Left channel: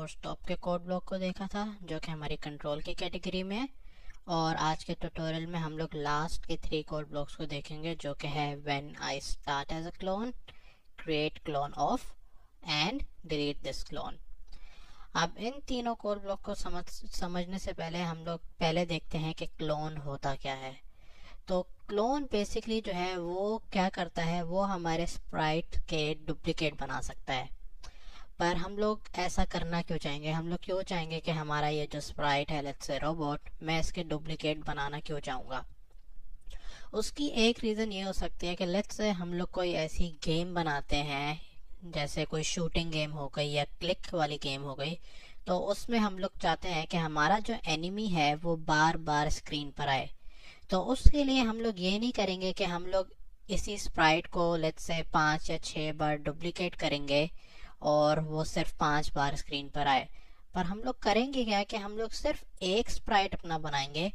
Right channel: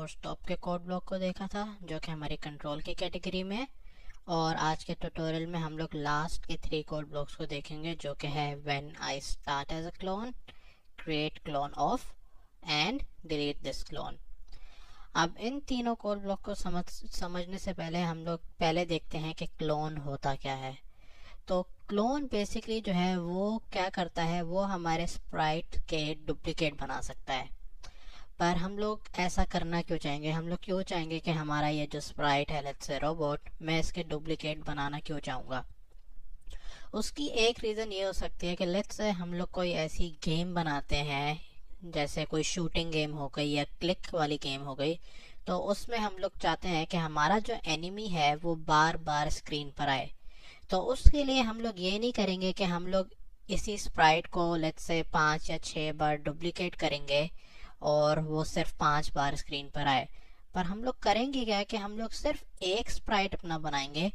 और स्टॉप के code block को देखा था, जो कि हमारी कंट्रोल की कैटेगरी में है। और आज के ट्यूटोरियल में हम लोग लास्ट के 3 कोड ब्लॉक्स को देखेंगे, जो कि है when I start as a clone, create clone of and delete this clone. अब इन तीनों कोड ब्लॉक को समझने से पहले हम लोग पहले देखते हैं कि क्लोन होता क्या है। तो क्लोन बेसिकली जो है वो क्या करता है, वो हमारे स्प्राइट के डुप्लीकेट बना सकता है। पर हम लोग ऐसा करना क्यों चाहेंगे? हम लोग क्यों चाहेंगे कि हमारा ये जो स्प्राइट है, लेट्स से रोबोट, मैं इसके डुप्लीकेट बनाना क्यों चाहूँगा? उसकी एक रीज़न ये हो सकती है कि लेट्स से हम लोग कोई ऐसी गेम बनाते हैं, जैसे कोई शूटिंग गेम हो गई या क्लिक वाली गेम हो गई, तो उसमें हम लोग चाहते हैं कि हमारा जो एनिमी है वो बार बार स्क्रीन पर आए। तो उसके लिए हम लोग ये नहीं करेंगे कि हम लोग इसी स्प्राइट को लेट्स से 5 या 6 बार डुप्लीकेट करेंगे और वो सिर्फ 5 बार स्क्रीन पर आए। पर हम लोग करेंगे क्या कि हम लोग सिर्फ एक स्प्राइट अपना बनाएंगे,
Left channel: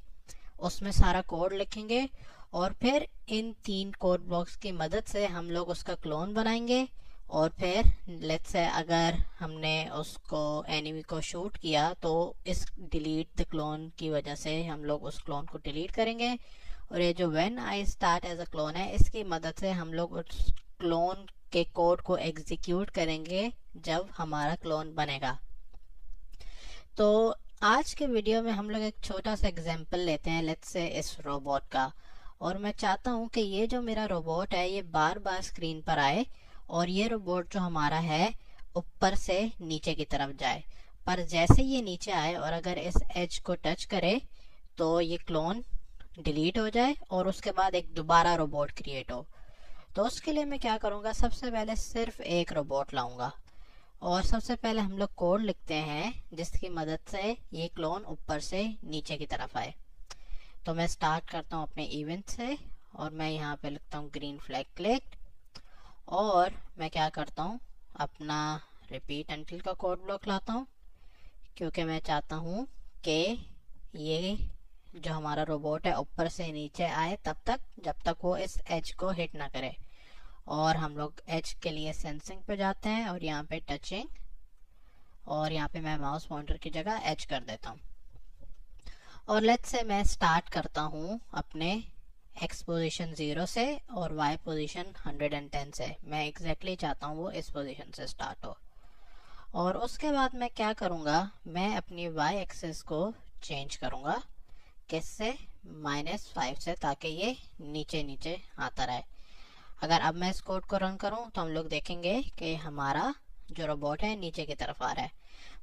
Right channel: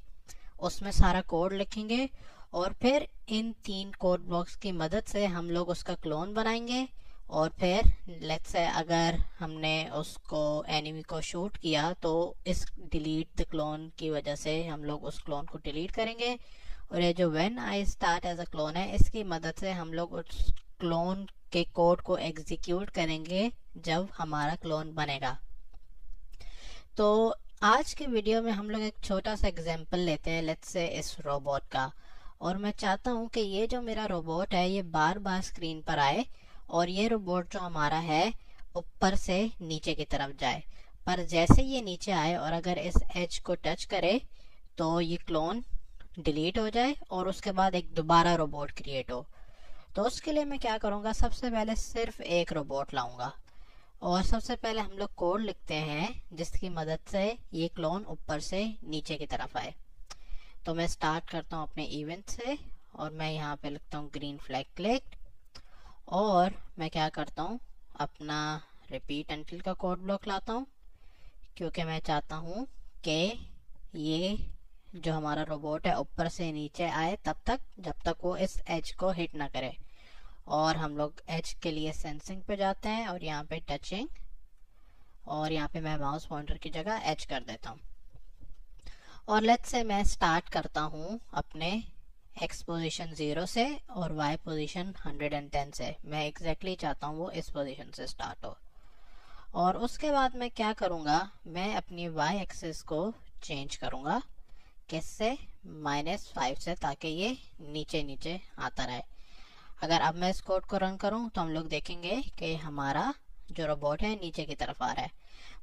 उसमें सारा कोड लिखेंगे और फिर इन 3 कोड ब्लॉक्स की मदद से हम लोग उसका क्लोन बनाएंगे। और फिर लेट्स से अगर हमने उसको एनिमी को शूट किया तो इस डिलीट द क्लोन की वजह से हम लोग उस क्लोन को डिलीट करेंगे। और ये जो when I start as a clone है, इसकी मदद से हम लोग उस क्लोन के कोड को एग्जीक्यूट करेंगे जब हमारा क्लोन बनेगा। तो आज के वीडियो में हम लोग एक छोटा सा एग्जांपल लेते हैं, लेट्स से इस रोबोट का। और मैं चाहता हूँ कि ये जो मेरा रोबोट है ये बार बार स्क्रीन पर आए और ये रोबोट जो हमारा है ऊपर से नीचे की तरफ जाए। पर जैसे ये नीचे आए और अगर इस एज को टच करे तो ये क्लोन डिलीट हो जाए और उसके बाद एक दोबारा रोबोट क्रिएट हो। तो उसके लिए मैं क्या करूँगा, सबसे पहले सिर्फ एक रोबोट लाऊंगा और सबसे पहले हम लोग कोड लिखते हैं जिसकी मदद से ये क्लोन ऊपर से नीचे की तरफ आए। तो मैं स्टार्ट करता हूँ अपने इवेंट से और मैं यहाँ पे लिखता हूँ ग्रीन फ्लैग क्लिक्ड। और मैं क्या करता हूँ, अपना रिपीट अंटिल का कोड ब्लॉक लाता हूँ, क्योंकि मैं चाहता हूँ कि ये जो हमारा रोबोट है ऊपर से नीचे आए तब तक जब तक वो इस एज को हिट ना करे। और हम लोग एज के लिए सेंसिंग पे जाते हैं और यहाँ पे टचिंग, और यहाँ पे मैं माउस पॉइंटर की जगह एज कर देता हूँ। और लेट्स से मैं स्टार्ट करता हूँ अपने एक्स पोजीशन 0 से और वाई पोजीशन 110 से। मैं एग्जैक्टली चाहता हूँ वो इस पोजीशन से स्टार्ट हो। और उसके बाद मैं क्या करूँगा, मैं अपनी वाई एक्सिस को चेंज करूँगा, किससे, -5 से, ताकि ये नीचे नीचे आता रहे। अगर अब मैं इस कोड को रन करूं तो हम लोग देखेंगे कि हमारा जो रोबोट है नीचे की तरफ आ रहा है।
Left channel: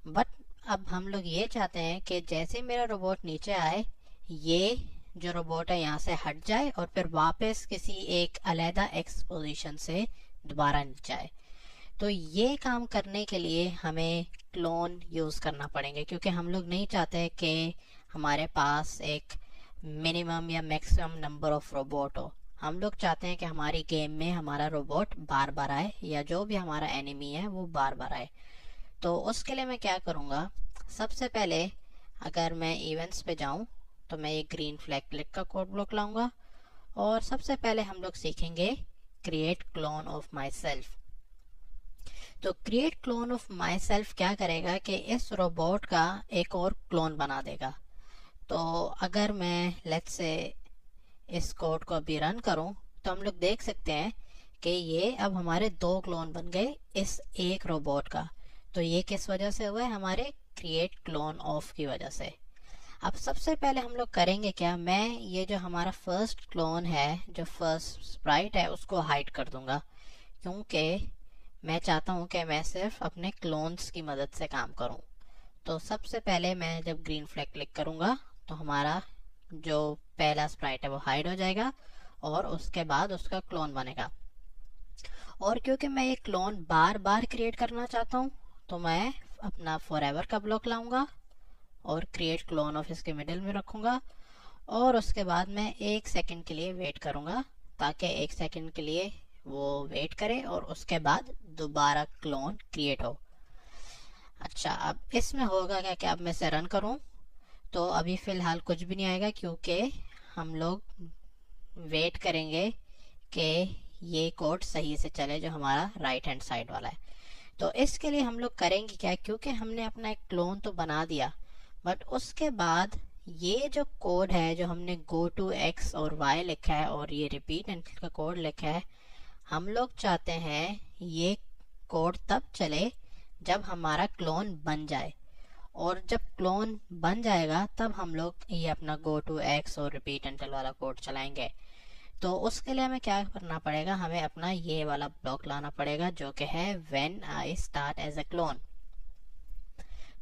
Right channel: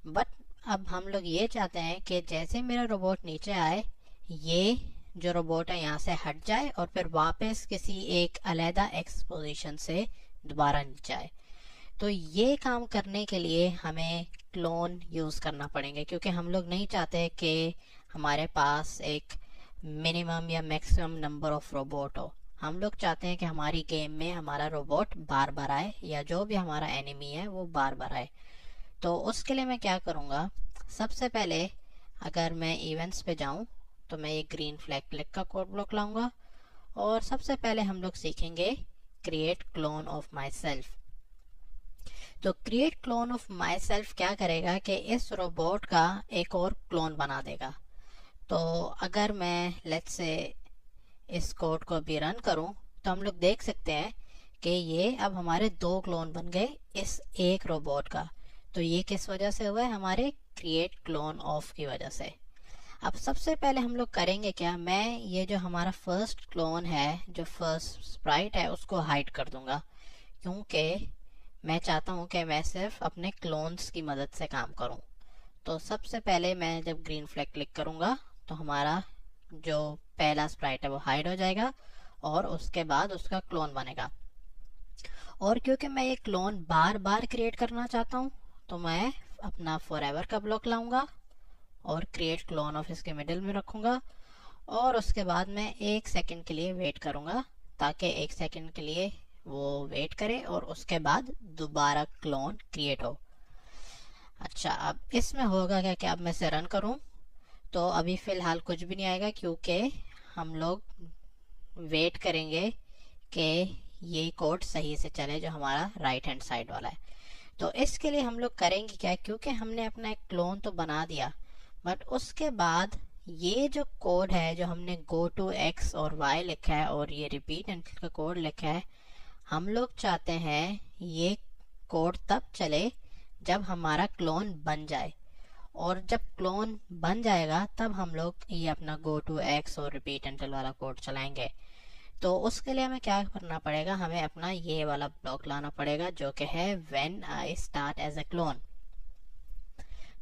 बट अब हम लोग ये चाहते हैं कि जैसे मेरा रोबोट नीचे आए, ये जो रोबोट है यहाँ से हट जाए और फिर वापस किसी एक अलहदा एक्स पोजीशन से दोबारा नीचे आए। तो ये काम करने के लिए हमें क्लोन यूज़ करना पड़ेंगे, क्योंकि हम लोग नहीं चाहते कि हमारे पास एक मिनिमम या मैक्सिमम नंबर ऑफ रोबोट हो। हम लोग चाहते हैं कि हमारी गेम में हमारा रोबोट बार बार आए या जो भी हमारा एनिमी है वो बार बार आए। तो उसके लिए मैं क्या करूँगा, सबसे पहले अगर मैं इवेंट्स पे जाऊँ तो मैं ये ग्रीन फ्लैग क्लिक का कोड ब्लॉक लाऊंगा और सबसे पहले हम लोग सीखेंगे create clone of myself. तो create clone of myself क्या करेगा कि इस रोबोट का एक और क्लोन बना देगा। तो अगर मैं लेट्स से इस कोड को अभी रन करूं तो हम लोग देख सकते हैं कि ये अब हमारे 2 क्लोन बन गए इस एक रोबोट का। तो ये किस वजह से हुआ है, हमारे क्रिएट क्लोन ऑफ की वजह से। अब सबसे पहले हम लोग करेंगे क्या, मैं ये जो हमारा फर्स्ट क्लोन है, जो फर्स्ट स्प्राइट है, उसको हाइड कर दूंगा, क्योंकि मैं चाहता हूँ कि मैं सिर्फ अपने क्लोन्स की मदद से काम करूँ। तो सबसे पहले मैं जब ग्रीन फ्लैग क्लिक करूँगा तो हमारा जो पहला स्प्राइट है वो हाइड हो जाएगा और उसके बाद उसका क्लोन बनेगा। और क्योंकि मैं ये क्लोन बार बार क्रिएट करना चाहता हूँ तो मैं अपना फॉरएवर का ब्लॉक लाऊंगा और क्रिएट क्लोन ऑफ इसके मिडिल में रखूँगा। और उसके बाद मैं 1 सेकंड के लिए वेट करूँगा, ताकि 1 सेकंड के लिए वो वेट करे और उसके बाद दोबारा क्लोन क्रिएट हो। अच्छा, अब इसमें होगा क्या कि अब मैं इसे रन करूँ तो अभी फ़िलहाल कुछ भी नहीं आएगा, क्योंकि हम लोग वेट करेंगे कि ये कोड सही से चले जो हमारा राइट हैंड साइड वाला है। तो इसके लिए हम लोग करेंगे क्या, क्योंकि हमने अपना एक क्लोन तो बना दिया, बट उसके बाद ये जो कोड है जो हमने गो टू एक्स और वाई लिखा है और ये रिपीट एंटिल का कोड लिखा है, हम लोग चाहते हैं ये कोड तब चले जब हमारा क्लोन बन जाए, और जब क्लोन बन जाएगा तब हम लोग ये अपना गो टू एक्स और रिपीट एंटिल वाला कोड चलाएंगे। तो उसके लिए हमें क्या करना पड़ेगा, हमें अपना ये वाला ब्लॉक लाना पड़ेगा जो कि है when I start as a clone.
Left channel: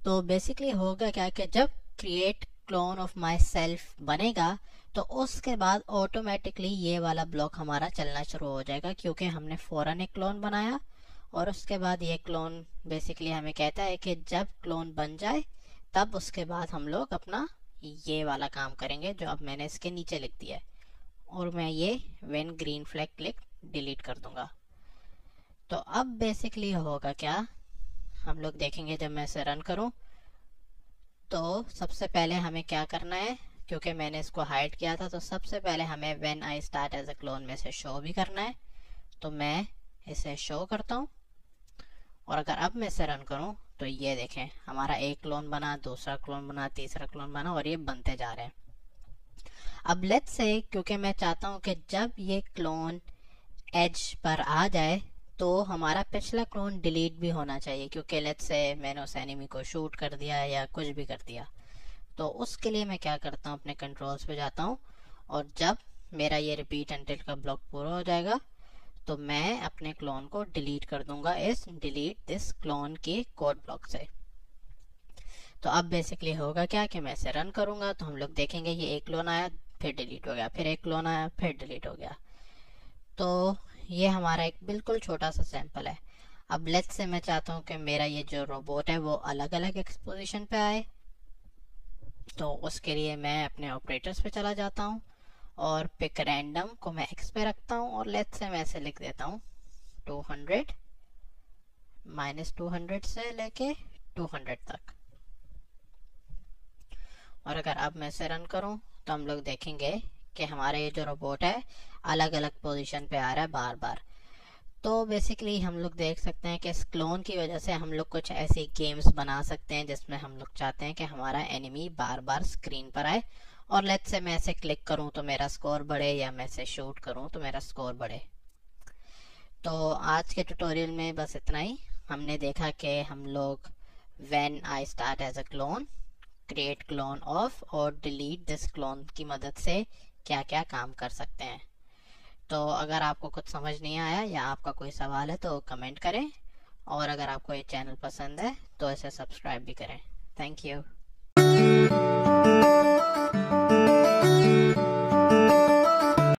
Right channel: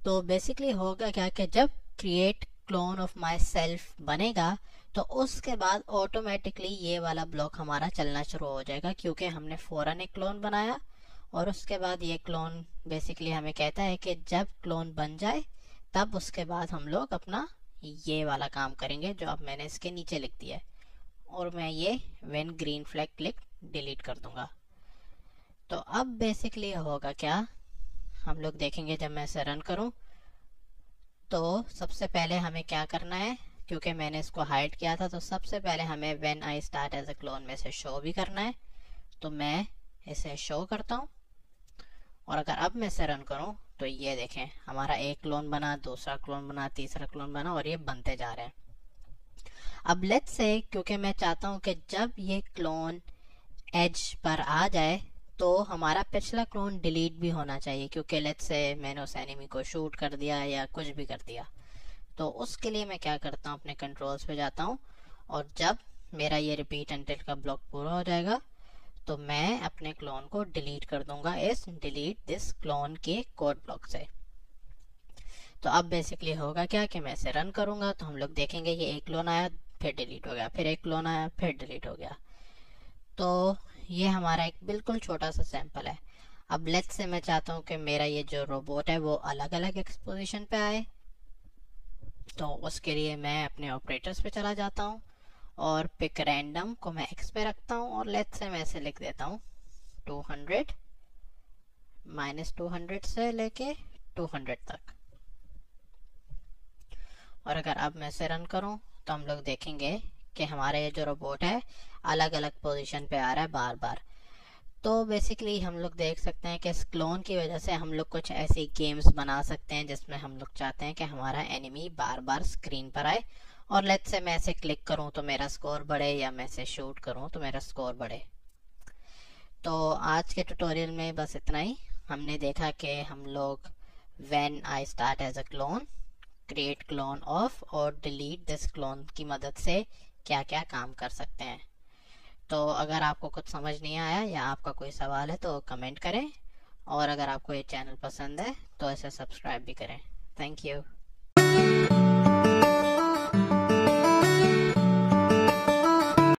तो बेसिकली होगा क्या कि जब create clone of myself बनेगा तो उसके बाद ऑटोमेटिकली ये वाला ब्लॉक हमारा चलना शुरू हो जाएगा, क्योंकि हमने फौरन एक क्लोन बनाया और उसके बाद ये क्लोन बेसिकली हमें कहता है कि जब क्लोन बन जाए तब उसके बाद हम लोग अपना ये वाला काम करेंगे जो अब मैंने इसके नीचे लिख दिया है, और मैं ये when green flag click delete कर दूंगा। तो अब बेसिकली होगा क्या, हम लोग देखेंगे जब मैं इसे रन करूं तो सबसे पहले हमें क्या करना है, क्योंकि मैंने इसको हाइड किया था, तो सबसे पहले हमें when I start as a clone में से शो भी करना है। तो मैं इसे शो करता हूँ, और अगर अब मैं इसे रन करूँ तो ये देखें हमारा एक क्लोन बना, दूसरा क्लोन बना, तीसरा क्लोन बना, और ये बनते जा रहे हैं। अब लेट्स से, क्योंकि मैं चाहता हूँ कि जब ये क्लोन एज पर आ जाए तो हमारा पिछला क्लोन डिलीट भी होना चाहिए, क्योंकि लेट्स से मैंने उस एनिमी को शूट कर दिया या कुछ भी कर दिया। तो उसके लिए मैं क्या करता हूँ, अपने कंट्रोल्स पे जाता हूँ, और जब मेरा ये रिपीट एंटिल का ब्लॉक पूरा हो जाएगा तो मैं अपने क्लोन को डिलीट कर दूंगा इस डिलीट दिस क्लोन के कोड ब्लॉक से। तो अब बेसिकली होगा क्या कि मैं इसे रन करूंगा तो हम लोग देखेंगे ये एक क्लोन आया, फिर डिलीट हो गया, फिर एक क्लोन आया, फिर डिलीट हो गया। तो ये हमारा एक बिल्कुल छोटा सा सैंपल है। अब लेट्स से मैं चाहता हूँ कि मेरा ये जो रोबोट है वो अलग अलग एक्सपोजिशन पे आए, तो उसके लिए मैं अपने ऑपरेटर्स पे चला जाता हूँ और पिक रैंडम को मैं एक्स पे रखता हूँ, और लेट्स से मैं ऐसे लिख देता हूँ 200 -200 से लेके 200 तक। और अगर अब मैं इसे रन करूं तो हम लोग देखेंगे कि हमारा ये जो रोबोट है अलग अलग पोजीशन पे आ रहा है बार बार। तो बेसिकली हम लोग देख सकते हैं कि इस क्लोन की वजह से हम लोग कुछ ऐसी गेम्स बना सकते हैं जिसमें हम लोग चाहते हैं कि हमारा एनिमी बार बार स्क्रीन पर आए, और लेट्स से मैं इसे क्लिक करूं तो मेरा स्कोर बढ़े, या मैं इसे शूट करूं तो मेरा स्कोर बढ़े। तो आज के ट्यूटोरियल में बस इतना ही। हमने देखा कि हम लोग when I start as a clone, create clone of और डिलीट दिस क्लोन की मदद से क्या क्या काम कर सकते हैं। तो अगर आपको कुछ समझ नहीं आया या आपका कोई सवाल है तो कमेंट करें, और अगर आपको ये चैनल पसंद है तो इसे सब्सक्राइब भी करें। Thank you.